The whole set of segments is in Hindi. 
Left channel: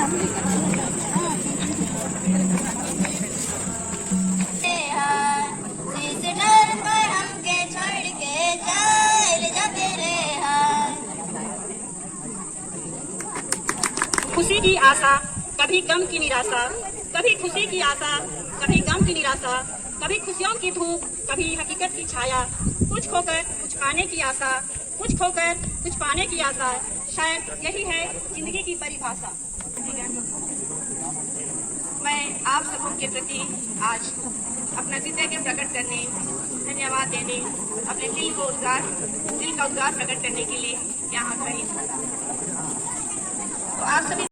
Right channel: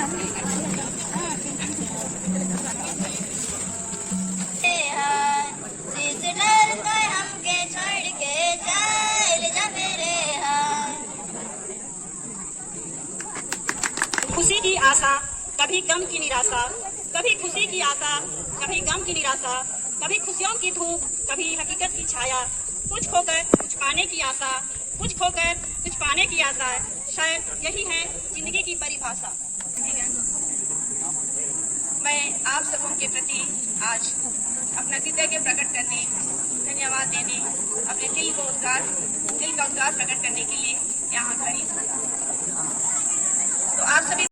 खुशी की आशा, कभी गम की निराशा, कभी खुशी की आशा, कभी गम की निराशा, कभी खुशियों की धूप, कभी हकीकत की छाया, कुछ खोकर कुछ पाने की आशा, कुछ खोकर कुछ पाने की आशा, शायद यही है जिंदगी की परिभाषा। मैं आप सबों के प्रति आज अपना कृतज्ञ प्रकट करने, धन्यवाद देने, अपने दिल का उद्गार प्रकट करने के लिए यहाँ खड़ी हूँ। तो आप सभी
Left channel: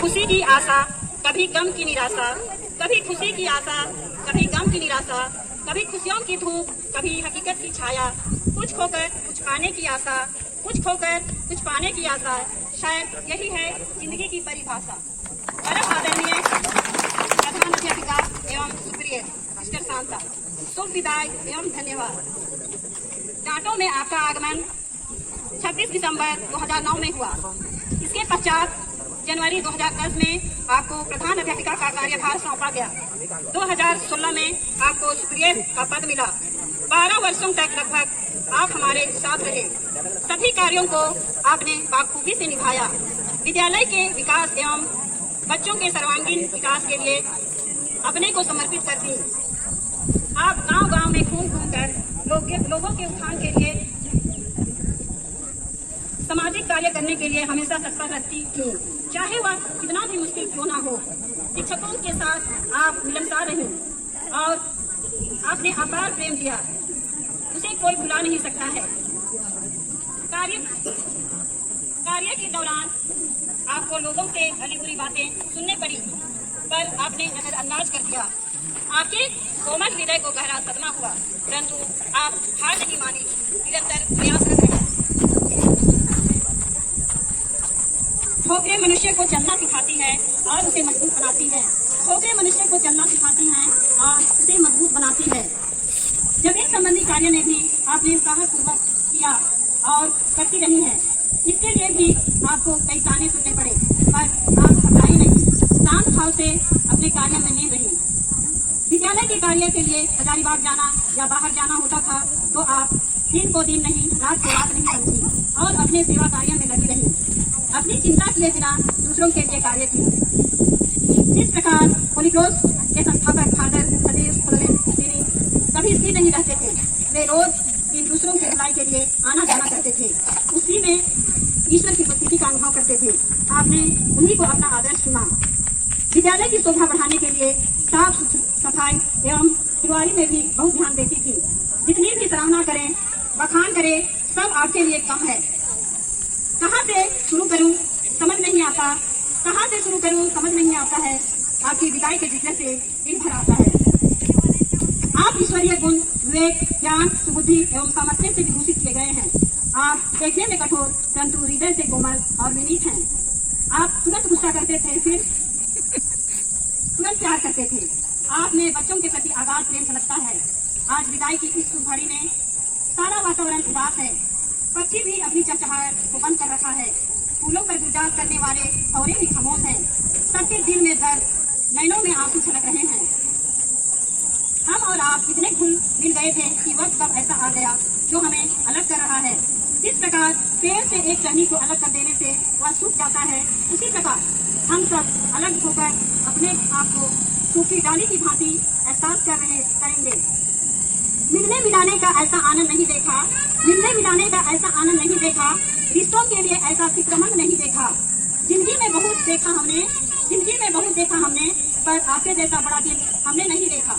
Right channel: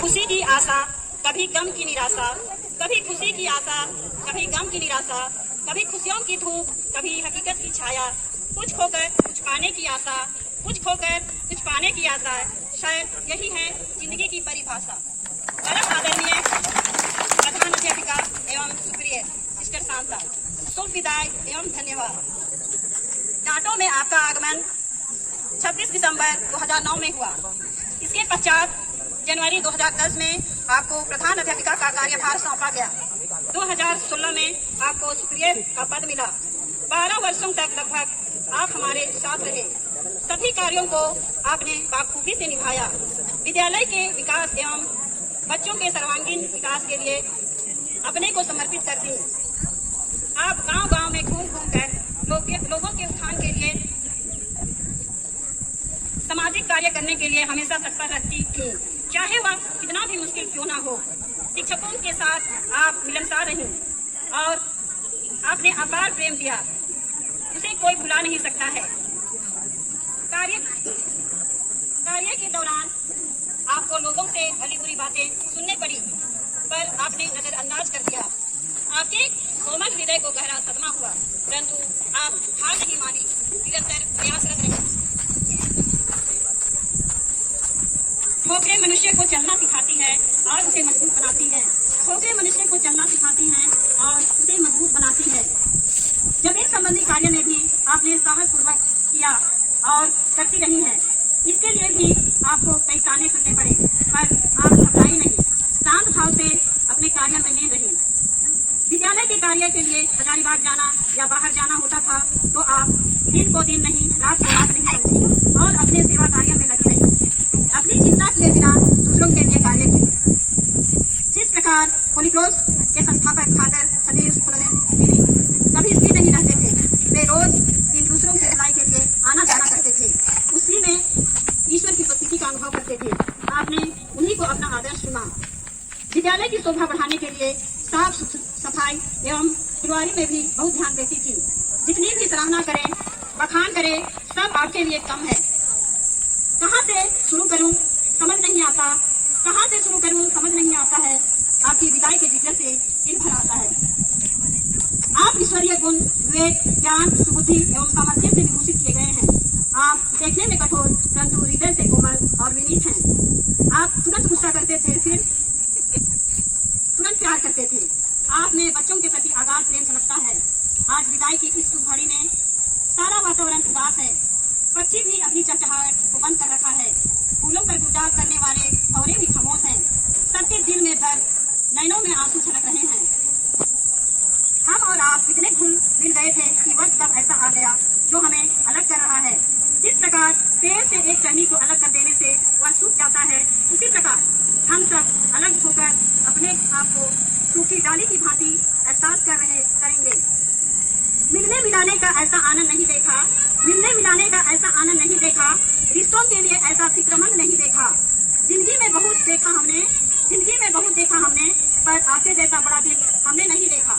खुशी की आशा, कभी गम की निराशा, कभी खुशी की आशा, कभी गम की निराशा, कभी खुशियों की धूप, कभी हकीकत की छाया, कुछ खोकर कुछ पाने की आशा, कुछ खोकर कुछ पाने की आशा, शायद यही है जिंदगी की परिभाषा। परम आदरणीय प्रधान अध्यापिका एवं सुप्रिय मिस्टर शांता, शुभ विदाई एवं धन्यवाद। डांटो में आपका आगमन 26 दिसंबर 2009 में हुआ। इसके पश्चात जनवरी 2010 में आपको प्रधान अध्यापिका का कार्यभार सौंपा गया। 2016 में आपको सुप्रिय का पद मिला। 12 वर्षों तक लगभग आप हमारे साथ रहे। सभी कार्यों को आपने बाखूबी से निभाया। विद्यालय के विकास एवं बच्चों के सर्वांगीण विकास के लिए अपने को समर्पित कर दी। आप गांव-गांव में घूम कर लोगों के उत्थान के लिए, सामाजिक कार्य करने के लिए हमेशा तत्पर रहती थी, चाहे वह कितना भी मुश्किल क्यों ना हो। शिक्षकों के साथ आप मिलनसार रहीं और आपने अपार प्रेम दिया, उसे कोई भुला नहीं सकता है। कार्य के दौरान आपको लोगों से भली बुरी बातें सुनने पड़ी, पर आपने नजरअंदाज कर दिया। आपके कोमल हृदय को गहरा सदमा हुआ, परंतु आप हार नहीं मानी, निरंतर प्रयासरत रहे। ठोकरें मनुष्य को चलना सिखाती है और उसे मजबूत बनाती है। ठोकरें मनुष्य को चलना सिखाती हैं और उसे मजबूत बनाती है। जमीन संबंधी कार्य में भी आपने साहस पूर्वक किया और करती रही है। इसके लिए भी आपको कई ताने सुनने पड़े, पर आप घबराई नहीं, शांत भाव से अपने कार्य में लीन रही। विद्यालय के कार्य के लिए हजारीबाग जाना या बाहर जाना होता था तो आप दिन को दिन नहीं, रात को रात नहीं समझी और अपने सेवा कार्य में लगी रही, अपनी चिंता किए बिना दूसरों के लिए कार्य किया। जिस प्रकार होली क्रॉस के संस्थापक फादर सदेश कभी स्थिर नहीं रहते थे, वे रोज इन दूसरों की भलाई के लिए आना जाना करते थे, उसी में ईश्वर की उपस्थिति का अनुभव करते थे। आपने उन्हीं को अपना आदर्श चुना। विद्यालय की शोभा बढ़ाने के लिए साफ सफाई एवं फुलवारी में भी बहुत ध्यान देती थी। जितनी भी सराहना करें, बखान करें, सब आपके लिए कम है। कहाँ से शुरू करूं समझ नहीं आता, कहाँ से शुरू करूं समझ नहीं आता है। आपकी विदाई के जिक्र से दिन भर आता है। आप ईश्वरीय गुण, विवेक, ज्ञान, सुबुद्धि एवं सामर्थ्य से विभूषित किए गए हैं। आप देखने में कठोर परंतु हृदय से कोमल और विनीत हैं। आप तुरंत गुस्सा करते थे, फिर तुरंत प्यार करते थे। आप में बच्चों के प्रति आगाध प्रेम झलकता है। आज विदाई की इस शुभ घड़ी में सारा वातावरण उदास है। पक्षी भी अपनी चहचहाहट को बंद कर रखा है। फूलों पर गुलजार करने वाले भौरे भी खामोश हैं। सबके दिल में दर्द, नैनों में आंसू छलक रहे हैं। हम और आप इतने घुल मिल गए थे कि वक्त जब ऐसा आ गया जो हमें अलग कर रहा है। जिस प्रकार पेड़ से एक टहनी को अलग कर देने से वह सूख जाता है, उसी प्रकार हम सब अलग होकर अपने आप को सूखी डाली की भांति एहसास करेंगे। मिलने मिलाने का ऐसा आनंद नहीं देखा, मिलने मिलाने का ऐसा आनंद नहीं देखा, रिश्तों के लिए ऐसा फिक्रमंद नहीं देखा। जिंदगी में बहुत देखा हमने, पर आपके जैसा बड़ा दिल हमने नहीं देखा।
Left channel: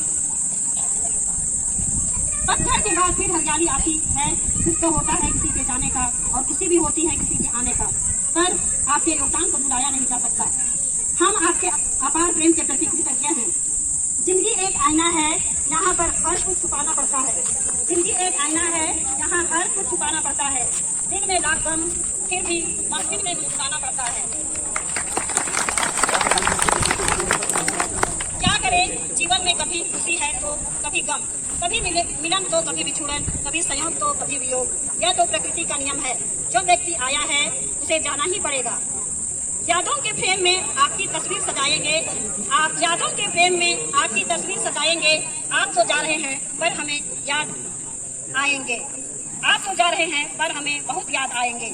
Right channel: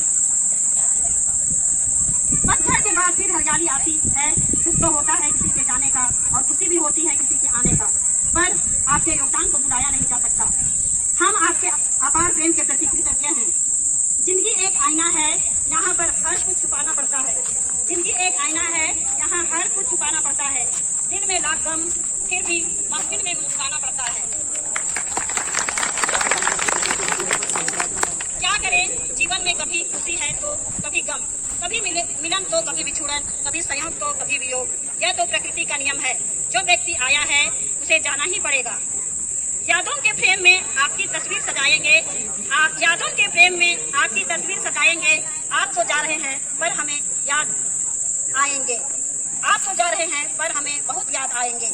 पत्थर के बाद फिर हरियाली आती है। दुख तो होता है किसी के जाने का और खुशी भी होती है किसी के आने का, पर आपके योगदान को भुलाया नहीं जा सकता। हम आपके अपार प्रेम के प्रति कृतज्ञ हैं। जिंदगी एक आईना है, यहाँ पर हर कुछ छुपाना पड़ता है। जिंदगी एक आईना है, यहाँ हर कुछ छुपाना पड़ता है। दिन में लाख गम, फिर भी मंजिल में मुस्कुराना पड़ता है। क्या करें, जीवन में कभी खुशी है तो कभी गम, कभी मिलन तो कभी विछुड़न, कभी संयोग तो कभी वियोग। यह तो प्रकृति का नियम है। जो व्यक्ति आया है उसे जाना ही पड़ेगा। यादों के फ्रेम में आपकी तस्वीर सजाएंगे, यादों के फ्रेम में आपकी तस्वीर सजाएंगे। आप तो जा रहे हैं पर हमें याद आएंगे, आप तो जा रहे हैं पर हमें बहुत याद आएंगे।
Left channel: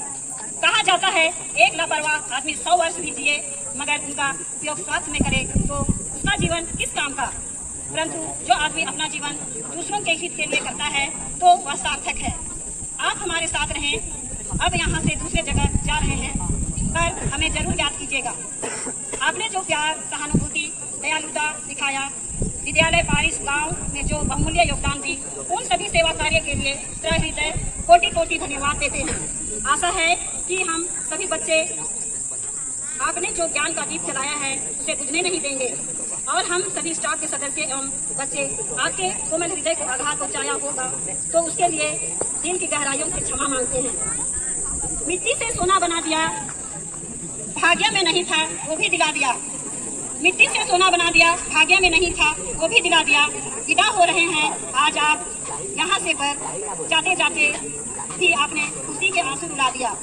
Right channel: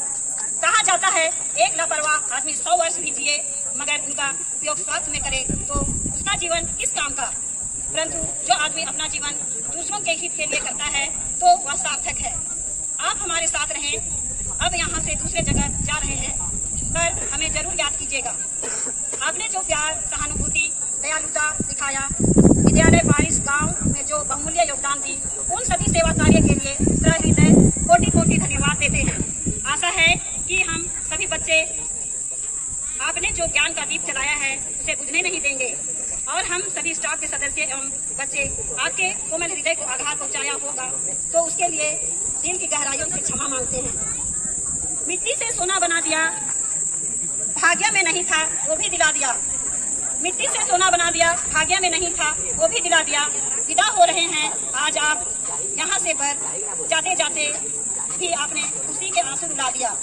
कहा जाता है एक लापरवाह आदमी 100 वर्ष भी जिए मगर उनका उपयोग स्वार्थ में करे तो उसका जीवन किस काम का। परंतु जो आदमी अपना जीवन दूसरों के हित के लिए करता है तो वह सार्थक है। आप हमारे साथ रहें। अब यहाँ से दूसरे जगह जा रहे हैं पर हमें जरूर याद कीजिएगा। आपने जो प्यार, सहानुभूति, दयालुता दिखाया, विद्यालय पारिश गांव में जो बहुमूल्य योगदान दी, उन सभी सेवा कार्य के लिए सहृदय कोटि कोटि धन्यवाद देते हैं। आशा है कि हम सभी बच्चे आपने जो ज्ञान का दीप जलाया है उसे बुझने नहीं देंगे और हम सभी स्टाफ के सदस्य एवं बच्चे आपके कोमल हृदय को आघात पहुँचाया होगा तो उसके लिए दिल की गहराइयों से क्षमा मांगते हैं। मिट्टी से सोना बना दिया, भाग्य में नहीं था वो भी दिला दिया। मिट्टी से सोना बना दिया, भाग्य में नहीं था वो भी दिला दिया। विदा हो रहे हैं आज आप यहाँ से, पर जाते जाते भी आपने खुशी के आंसू रुला दिया।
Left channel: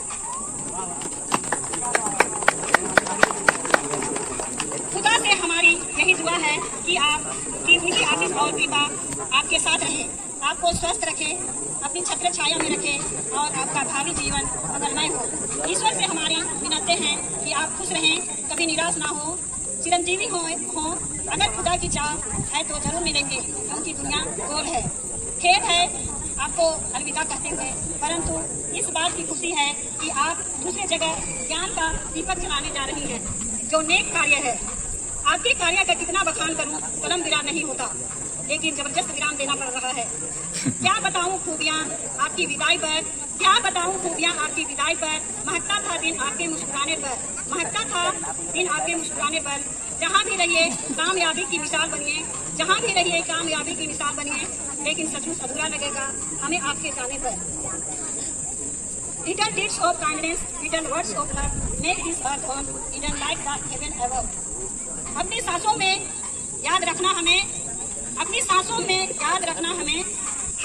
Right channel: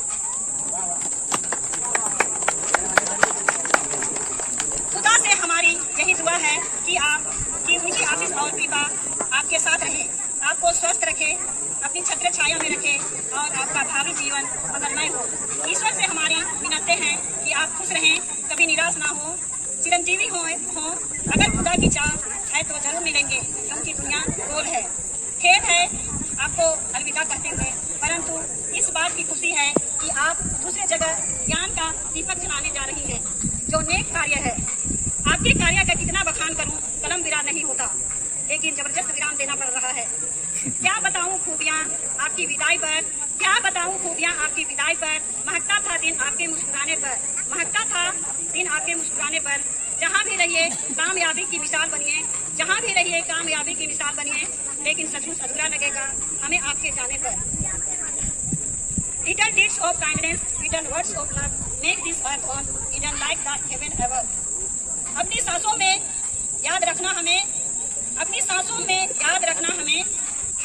खुदा से हमारी यही दुआ है कि आपकी उनकी आशीष और कृपा आपके साथ रहे, आपको स्वस्थ रखे, अपनी छत्र छाया में रखे और आपका भावी जीवन मंगलमय हो। ईश्वर से हमारी विनती है कि आप खुश रहें, कभी निराश ना हो, चिरंजीवी हो। अगर खुदा की चाह है तो जरूर मिलेंगे क्योंकि दुनिया गोल है। खेद है आपको अलविदा कहते हुए, परंतु इस बात की खुशी है कि आप दूसरे जगह ज्ञान का दीपक जलाने जा रही हैं, जो नेक कार्य है। आपके कार्य का कितना बखान करूं, कलम विराम नहीं होता, लेकिन जबरदस्त विराम देना पड़ रहा है। क्या बताऊं खूबियां आपकी विदाई पर, क्या बताऊं खूबियां आपकी विदाई विदाई पर, महकता था दिन आपके मुस्कुराने पर, महकता था दिन आपके मुस्कुराने पर। जहाँ भी रहिए कामयाबी की मिसाल बनिए, जहाँ भी रहिए कामयाबी की मिसाल बनिए, लेकिन सचमुच अधूरा लगेगा हमें आपके जाने पर। Little deeds of kindness, little words of love, make this earth warm, even like the heaven above. अपनी सांसों में याद रखना हमें, अपनी सांसों में याद रखना हमें,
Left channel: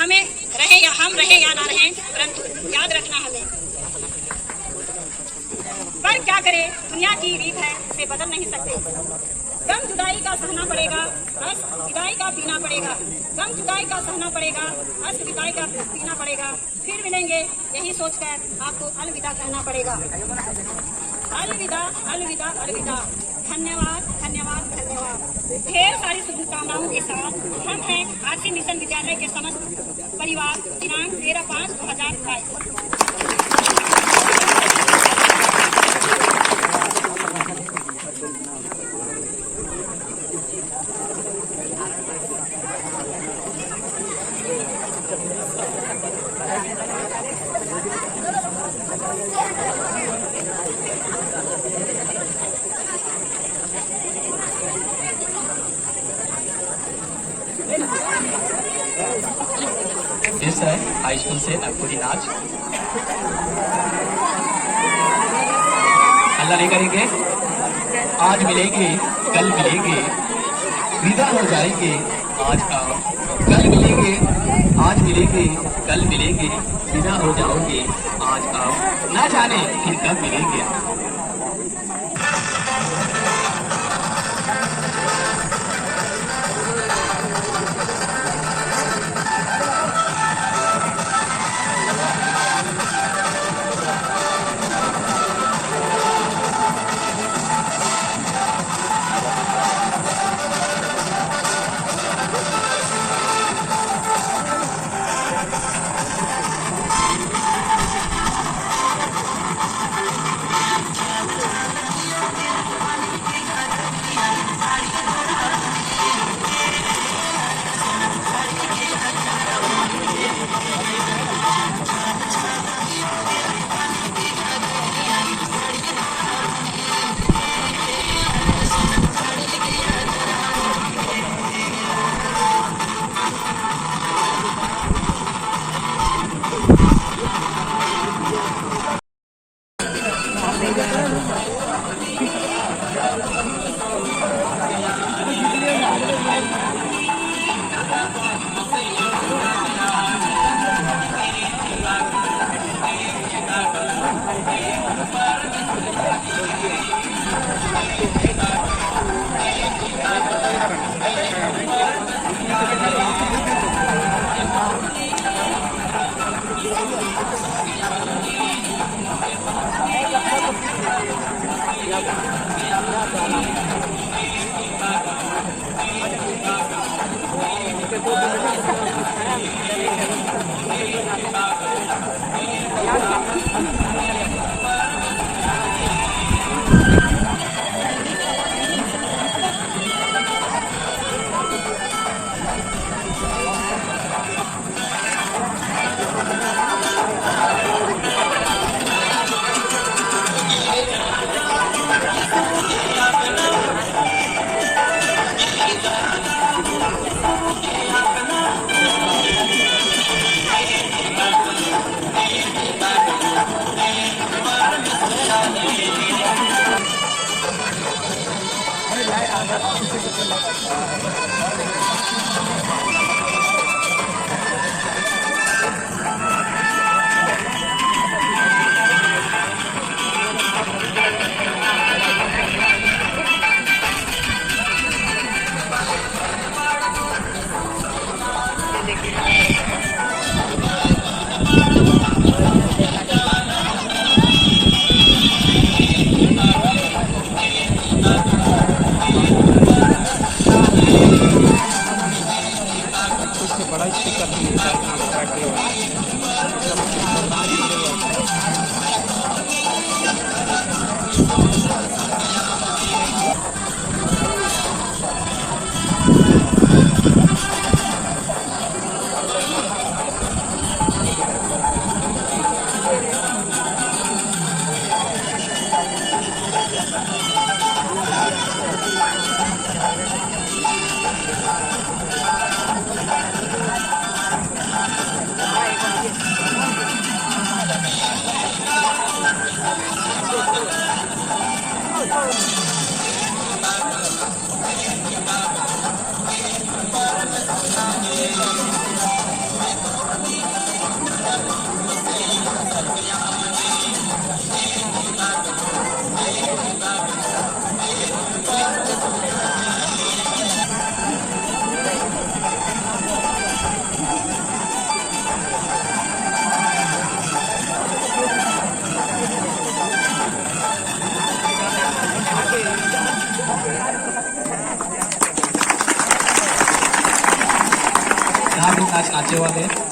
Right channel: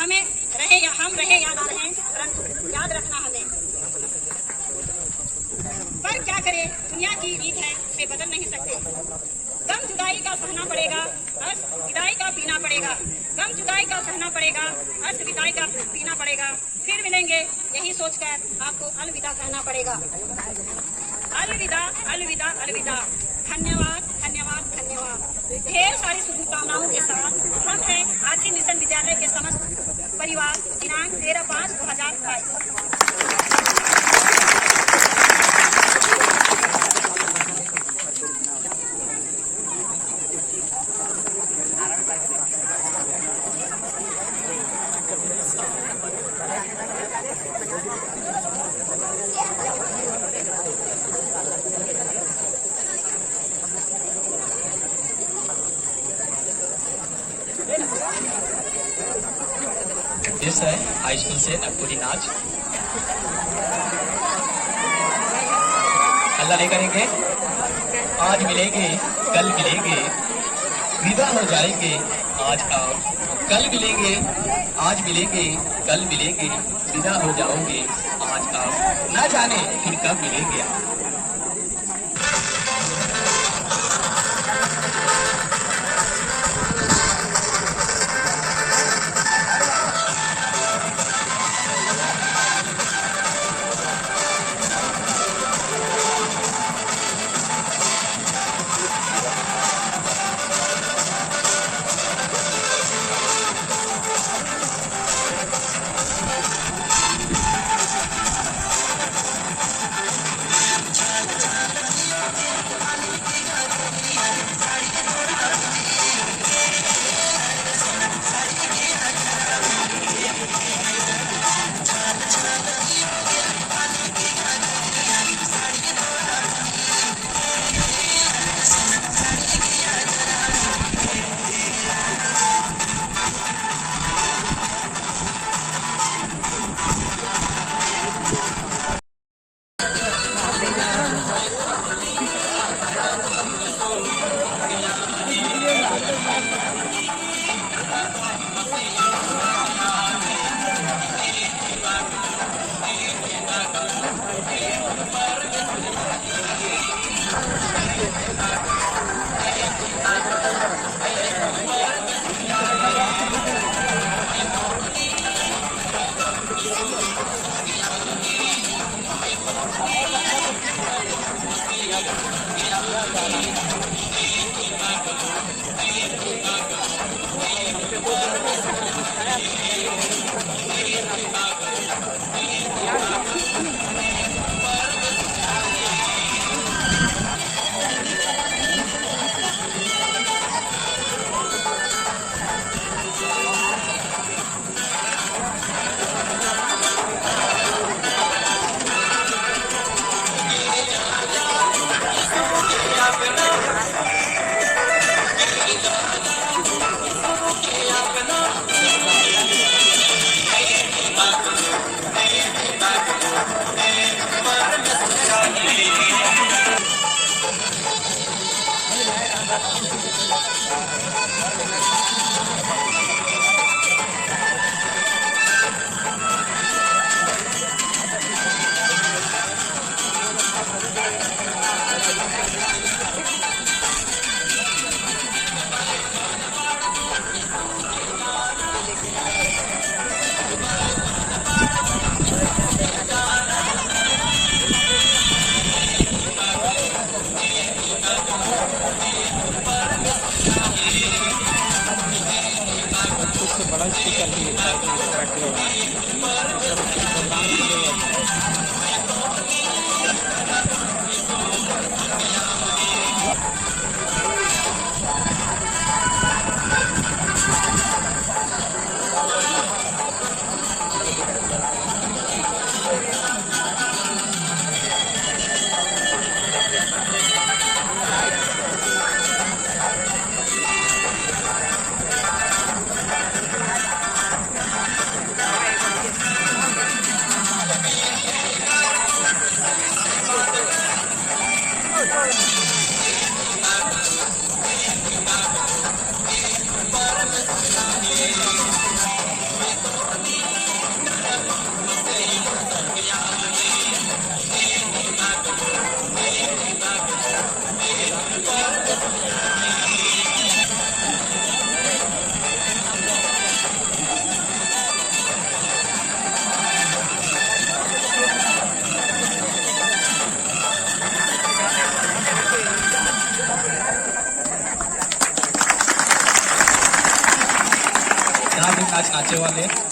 हमें रहे या हम रहे या ना रहे, परंतु याद रखना हमें। पर क्या करे, दुनिया की रीत है, इसे बदल नहीं सकते। गम जुदाई का सहना पड़ेगा, हर्ष विदाई का पीना पड़ेगा, गम जुदाई का सहना पड़ेगा, हर्ष विदाई का पीना पड़ेगा। फिर मिलेंगे यही सोचकर आपको अलविदा कहना पड़ेगा। अलविदा अलविदा अलविदा। धन्यवाद धन्यवाद धन्यवाद। ढेर सारी शुभकामनाओं के साथ हम हैं आरसी मिशन विद्यालय के समस्त परिवार, दिनांक 13/5/2022। This है हाई स्कूल से अखुरी नाच। अल्लाह नहीं करेंगे, आज मिलेंगे कल मिलेंगे, विदा हो जाएंगे आज आओ, कल मिलेंगे आज मिलेंगे, कल मिलेंगे, विदा हो जाओगे आज आओ, ना जाने फिर कब मिलेंगे।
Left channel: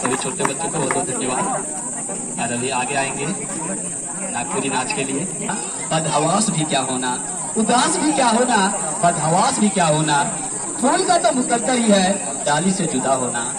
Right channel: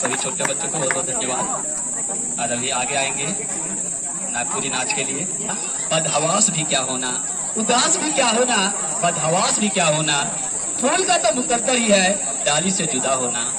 सभी छोटे बच्चों को बहुत बहुत धन्यवाद। और अभी आगे आएंगे नागपुरी नाच के लिए। बदहवास भी क्या होना, उदास भी क्या होना, बदहवास भी क्या होना, फूल का तो मुकद्दर ही है डाली से जुदा होना।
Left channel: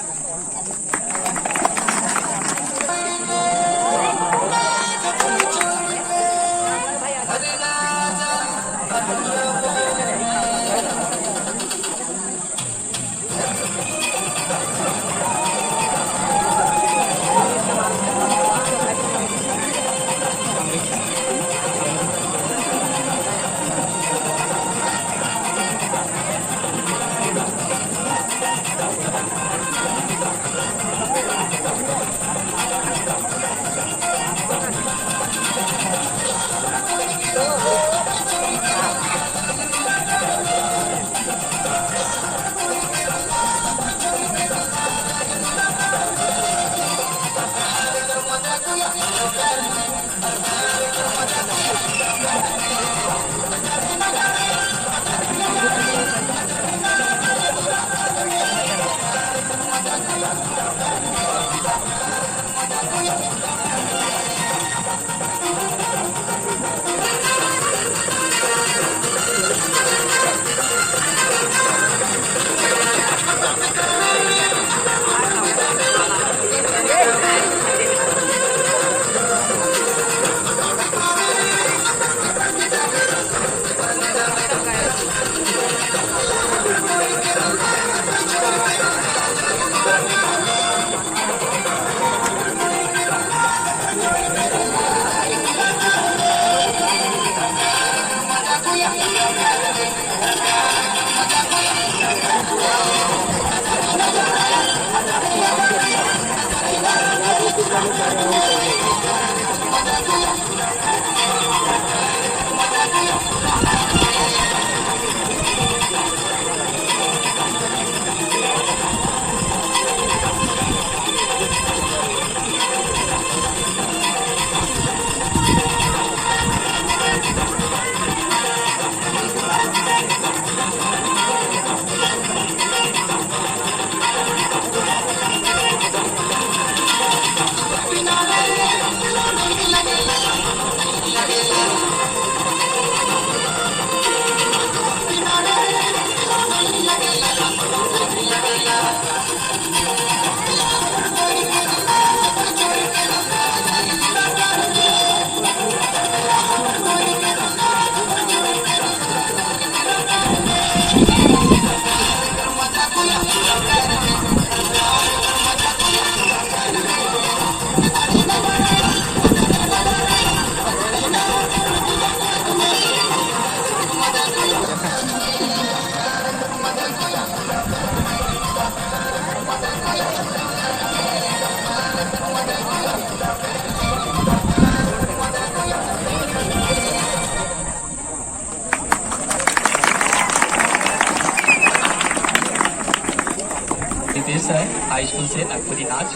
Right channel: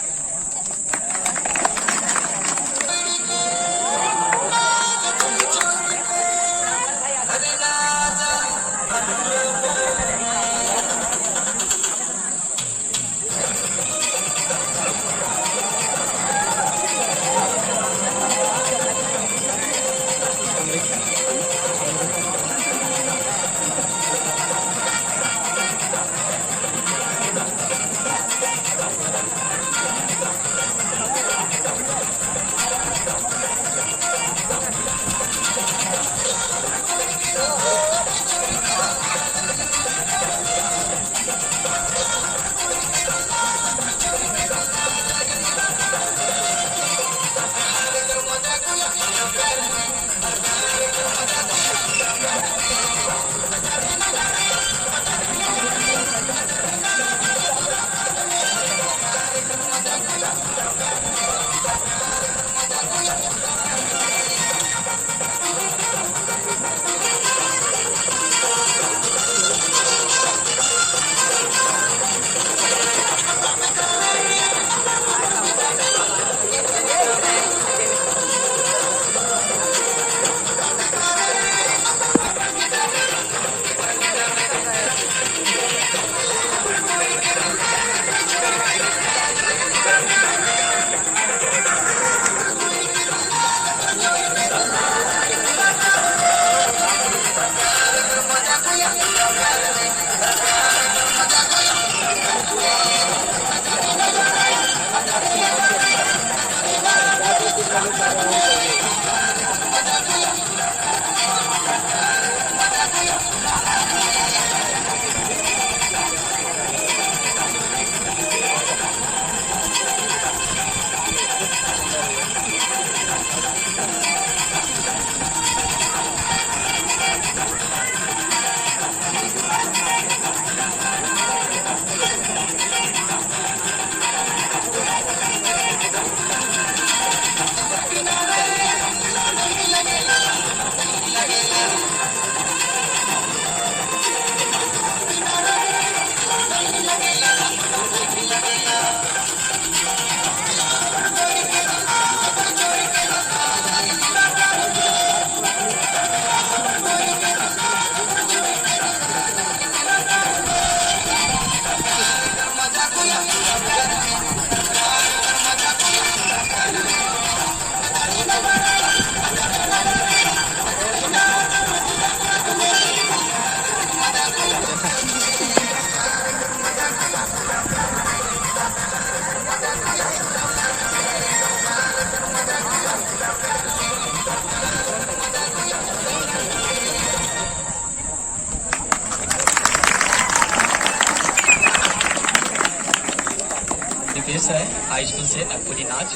दिपेश है हाई स्कूल से नागपुरी नाच।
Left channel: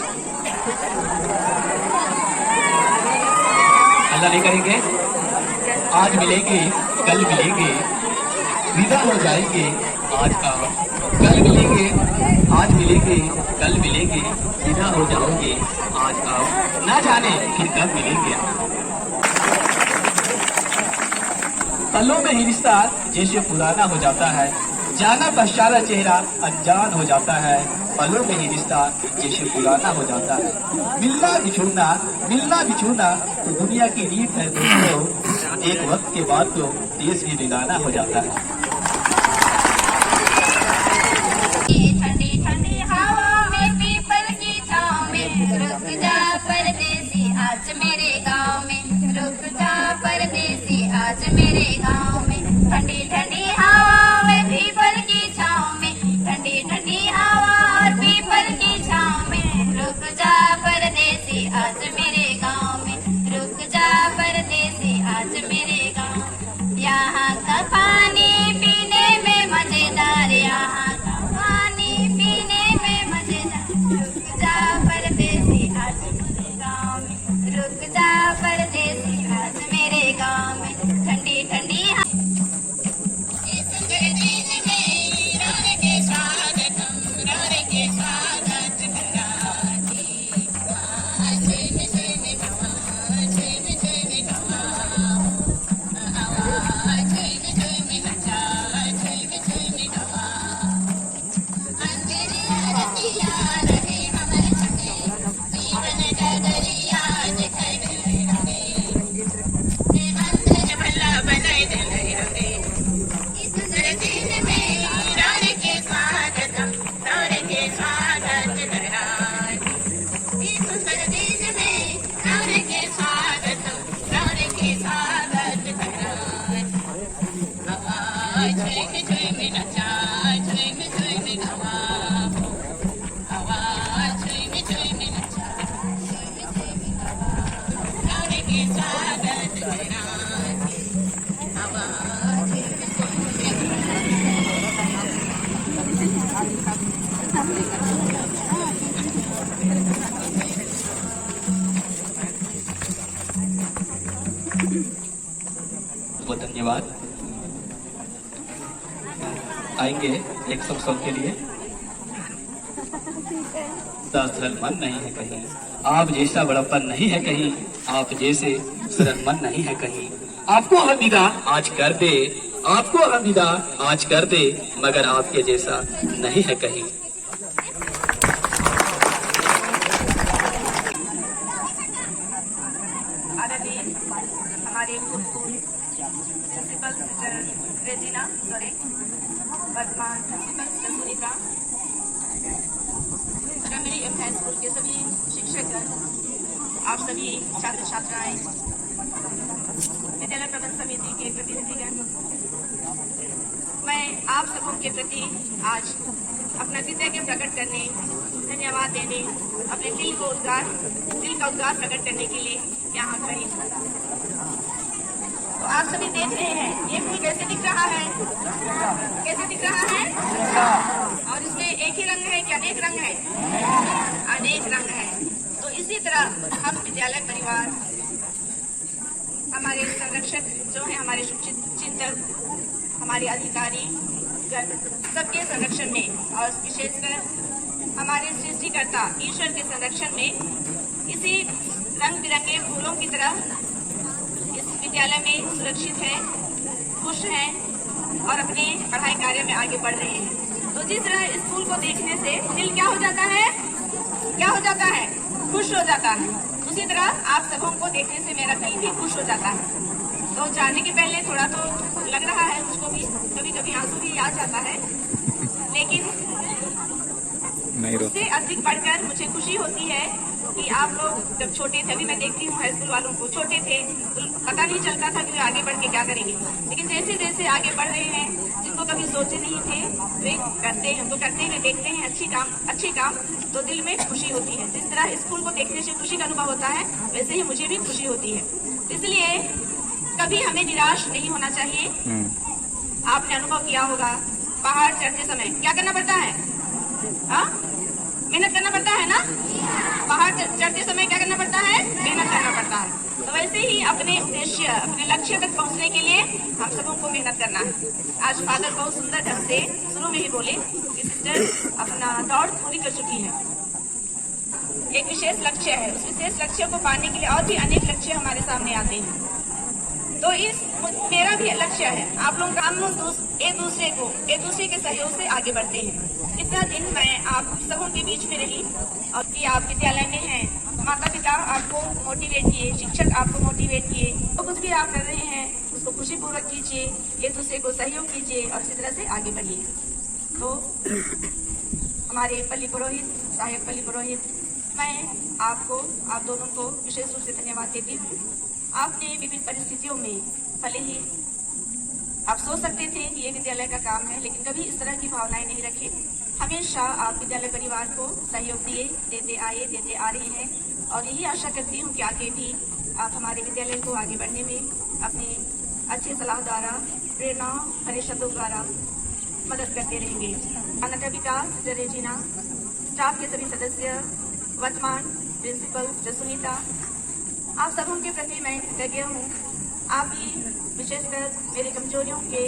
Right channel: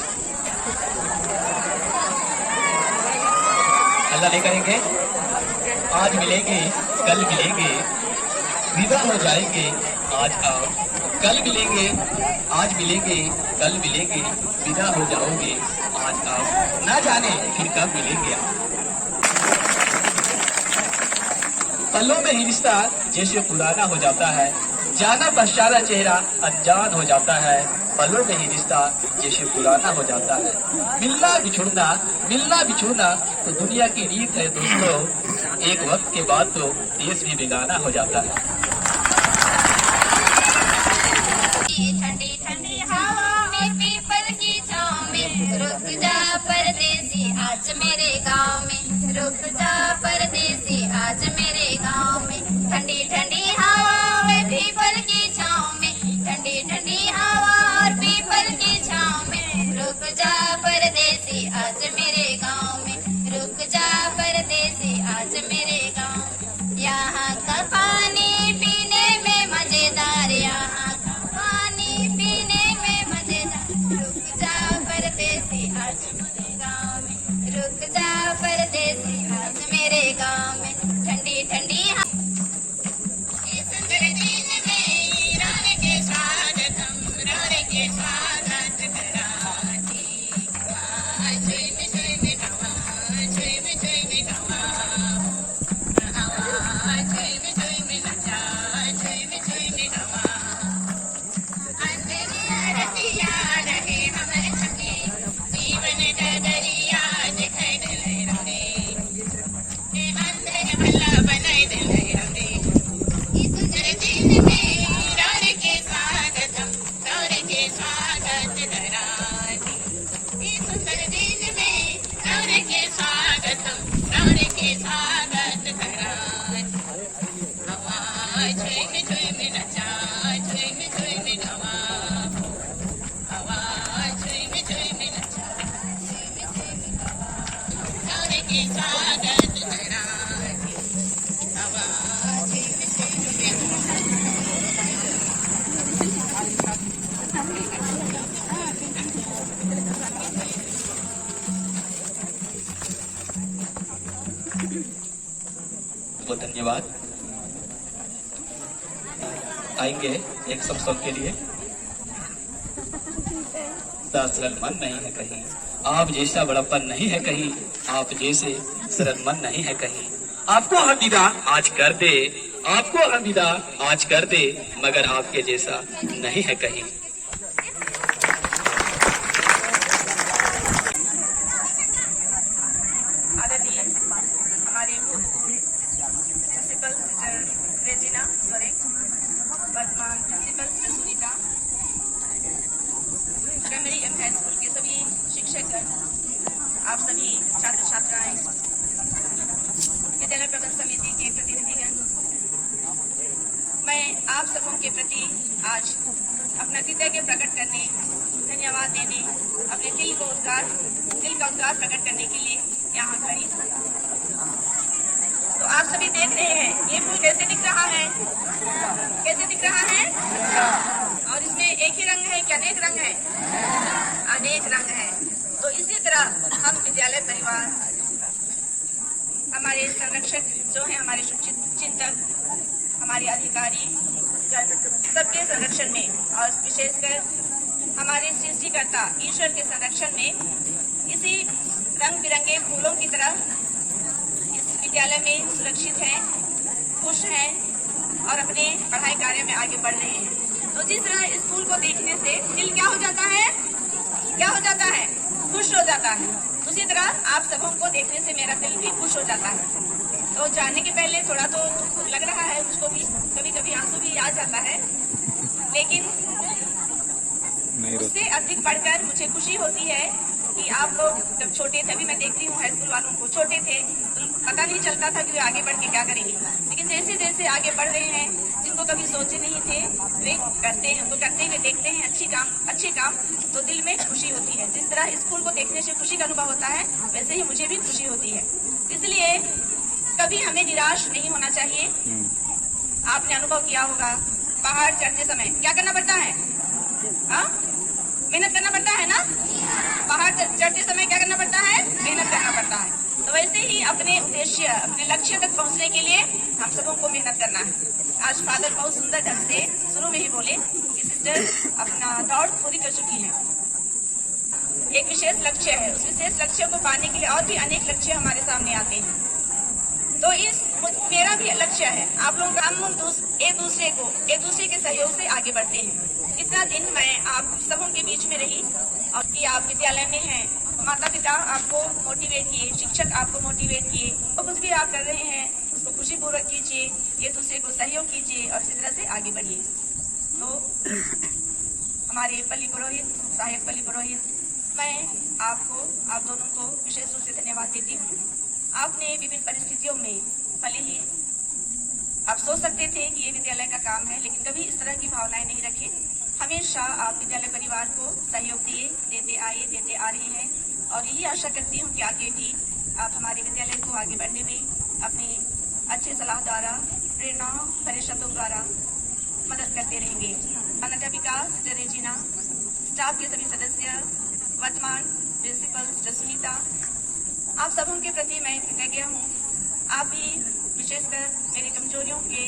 हल्ला नहीं करेंगे। आज मिलेंगे कल मिलेंगे, विदा हो जाएंगे आज आओ। कल मिलेंगे आज मिलेंगे, कल मिलेंगे विदा हो जाओगे आज आओ। ना जाने फिर कब मिलेंगे। पलों में ही रिश्ता जैसे पुराना हो जाता है, जाना पहचाना चेहरा अनजान हो जाता है। पलों में ही रिश्ता जैसे पुराना हो जाता है, मिलना बिछुड़ना तो दुनिया की रीत है दोस्तों। एक वक्त के बाद तो देश भी बेगाना हो जाता है। ठंडी ठंडी हवा में पीपल की छांव में रुक जा परदेसी आज मेरे गांव में, रुक जा परदेसी आज मेरे गांव में। ठंडी ठंडी हवा में पीपल की छांव में, ठंडी ठंडी हवा और पीपल की छांव में, रुक जा परदेसी आज मेरे गांव में, रुक जा परदेसी आज मेरे गांव। यहाँ का पानी बहुत धन्यवाद। आएंगे एक सॉन्ग के लिए। सरल मन नहीं है कहीं, आप जैसा बड़प्पन नहीं है कहीं, आप जैसे सरल मन नहीं है कहीं। आपको हम विदा आज कर दे, आपको हम विदा आज कर दे, मगर आपके जैसा नहीं है कहीं। आदरणीय हमारे प्रिंसिपल सिस्टर रेजिना सोरेन, वर्तमान principal sister Sunita, primary M high school के सभी शिक्षक, आप सभी छात्र छात्राएं, विद्यालय प्रबंधन समिति के प्रतिनिधिगण, मैं आप सबों के प्रति आज अपना कृतज्ञ प्रकट करने, धन्यवाद देने, अपने दिल का उद्गार प्रकट करने के लिए यहाँ खड़ी हूँ। तो आप सभी देख रहे हैं ये फूल कैसे दिख रहा है, कैसे दिख रहा है, और इसमें एक ही रंग है कि अनेक रंग है, अनेक रंग है। तो इसी तरह हम विद्यालय परिवार, हमारे संरक्षक जो है, हमारे चिंतक, हमारे अधिकारी, सबके संरक्षण में और विशेषकर हमारे सृष्टिकर्ता ईश्वर के संरक्षण में इसी रंग बिरंगे फूलों की तरह इस विद्यालय में सुरक्षित हैं, खुश हैं और अपने पढ़ाई कार्य में आगे बढ़ रहे हैं। तो जिस तरह इस फूल को देखने से दिल क्या हो जाता है, क्या हो जाता है, खुश हो जाता है, उसी तरह आप सबों को देखने से मेरा दिल भी खुश हो जाता है। तो जाने के पहले थोड़ा तो लग रहा है मुझको भी, कभी कभी आंसू भी आ जाता है, लेकिन उससे अधिक बढ़कर मुझे खुशी होती है कि आप लोग जब छोटे थे, अभी मैं देखती हूँ हाई स्कूल वालों को, छोटे थे तो पता नहीं चलता था कि वे आगे बढ़ के क्या करेंगे, लेकिन जैसे जैसे आगे बढ़ रहे हैं, जिनको कभी सोचे नहीं थे वे करते हैं, उनको करते हुए देखते हैं अच्छे काम, तो दिल में खुशी होती है। तो इस तरह स्कूल को देखने से खुशी का अनुभव होता है, वैसे ही मुझे भी खुशी होती है। इसलिए कभी हमें निराश नहीं होना चाहिए। आपने अनुभव किया होगा, पहाड़ चढ़ते समय क्या करना पड़ता है, मेहनत करना पड़ता है ना। पहाड़ चढ़ते समय क्या करना पड़ता है, मेहनत करना पड़ता है। तो वैसे ही अपने उद्देश्य, अपने लक्ष्य तक पहुंचने के लिए हम सबों को मेहनत करना है। आज फादर बहुत सुंदर ढंग से शुरू में ही बोले कि सिस्टर अपना दौड़ पूरी कर चुकी है, एक विशेष लक्ष्य है, उस विशेष लक्ष्य को पाने के लिए और भी अनेक लक्ष्य हमारे सामने आते हैं। तो इस मेरा भी लक्ष्य है, आप लोग हम लोग एक दूसरे के सहयोग से आगे बढ़ते हैं। इतना दिन मैं आप सबों के बीच में रही और कि आप विद्यालय में हैं, माता पिता आपको मोटिवेट किए, शिक्षक आपको मोटिवेट किए, तो कुछ भी आप कर रहे हैं उसको खुशीपूर्वक कीजिए, एक दूसरे को सहयोग कीजिए और इसी तरह से आगे बढ़िए। तो हमारे पल्ली पुरोहित, सहायक पल्ली पुरोहित, मैं आप दोनों को विशेष रूप से धन्यवाद देती हूँ। आपने विभिन्न परिस्थितियों में, भले ही आप सोच सकते थे कि ये विद्यालय का काम है, लेकिन कभी इस तरह की भावनाएं नहीं रखी। हमेशा आप विद्यालय परिवार को सहयोग देते आ रहे हैं और यही आशा करती हूँ कि आगे भी आप हमारे विद्यालय को आगे बढ़ने में अपनी अच्छी सलाह द्वारा, प्रेरणा भरे शब्दों द्वारा मदद करते रहेंगे। अध्यापिका सिस्टर रेजिना, स्टाफ के सभी सदस्य, वर्तमान प्रिंसिपल सिस्टर सुनीता, आप सबों के प्रति मैं कृतज्ञ हूँ। आप भी विशेषकर मेरी कमजोरियों के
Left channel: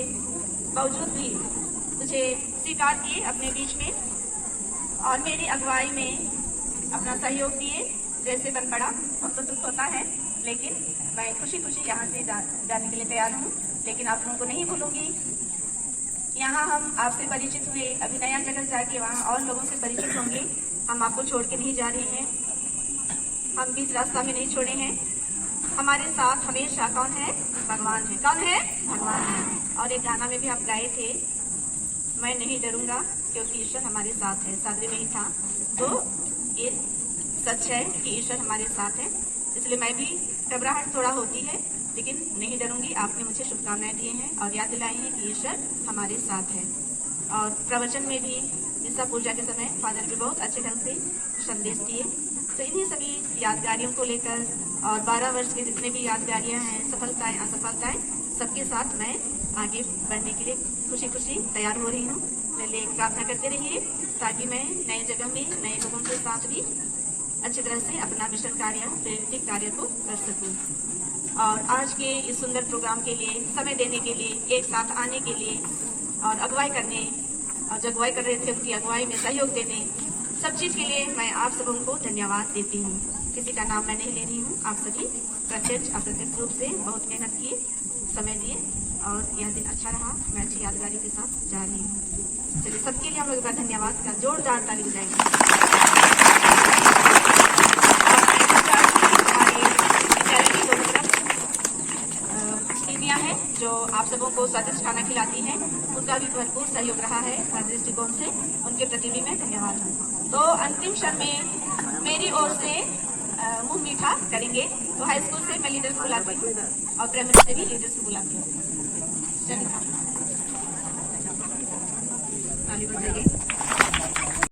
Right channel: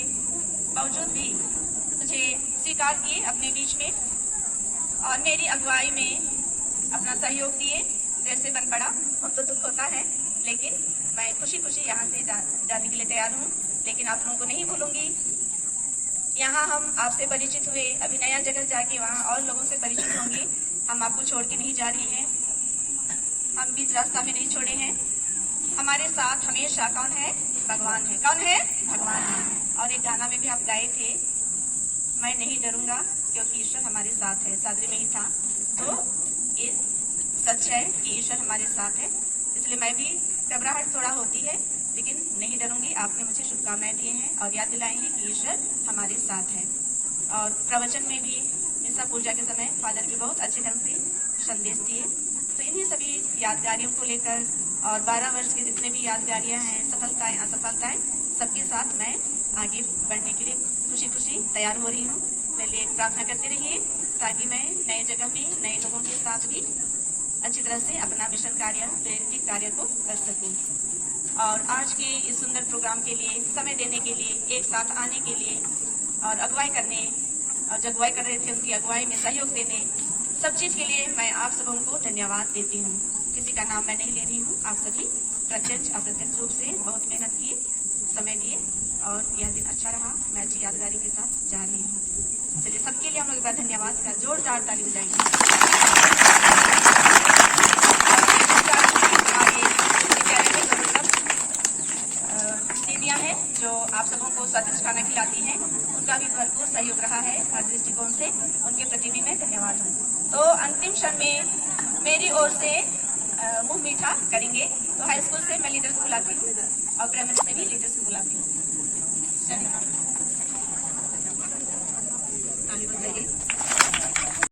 बावजूद भी मुझे स्वीकार किए अपने बीच में और मेरी अगुवाई में अपना सहयोग दिए। जैसे बन पड़ा अब तो दुख होता है, लेकिन मैं खुशी खुशी यहाँ से जाने के लिए तैयार हूँ, लेकिन आप लोगों को नहीं भूलूंगी। यहाँ हम आपसे परिचित हुए, अभी नया जगह जाके वहाँ और लोगों से परिचित होंगे। हम आपको छोड़ के नहीं जा रही हैं, हम बीच रास्ता में नहीं छोड़े हैं। हमारे साथ हमेशा कौन है, भगवान है। कौन है, भगवान है। और एक गाना में भी आप गाए थे, मैं नहीं डरूंगा क्योंकि ईश्वर हमारे साथ है, सादरी में ही था। तो ये सच है कि ईश्वर हमारे साथ है, इसलिए मैं भी घबराहट थोड़ा होती है, लेकिन नहीं डरूंगी। आपने मुझे शुभकामनाएं दी हैं और याद दिलाई है कि ईश्वर हमारे साथ है। और प्रवचन में भी निशा पूजा के समय फादर ने बहुत अच्छे ढंग से संदेश दिए। तो इन्हीं सभी यादगारियों को लेकर और 12 वर्ष की जितने भी यादगारियां हैं, सफलताएं असफलताएं, सबके साथ मैं आगे बढ़ने के लिए खुशी खुशी तैयार हो रही हूँ। पहले प्रार्थना करते रहिए ताकि मैं नए जगह में नए लोगों के साथ भी अच्छी तरह से अपना मिशन कार्य, प्रेरित कार्य को कर सकूँ। और आज के इस सुंदर प्रोग्राम के लिए समय देने के लिए, एक साथ आने के लिए और अगुवाई करने और जो अगुवाई कर रहे थे उनकी अगुवाई में सहयोग देने, सब चीज के लिए मैं आप सबों को धन्यवाद देती हूँ। किसी का नाम मैं नहीं ले रही हूँ। आप सभी प्रत्यक्ष अप्रत्यक्ष रूप से बहुत मेहनत किए, समय दिए और यह दिन अच्छा रहा। मैं अच्छी यादगारी के साथ जा रही हूँ। चलिए सबके लिए हम लोग का धन्यवाद का जोरदार ताली बजाएंगे। दीदियाँ हैं जो आप सबों को स्वादिष्ट खाना खिलाती हैं, उनका भी भरपूर सहयोग रहा है हर दृष्टिकोण से। उनके प्रति भी मैं धन्यवाद हूँ। तो अंतिम क्षण में मेरी ओर से मुंह मीठा करेंगे। तो हाई स्कूल से मैं लीडर्स को बुलाती हूँ और प्राइमरी से भी लीडर्स को बुलाती हूँ। ताली बजाइए।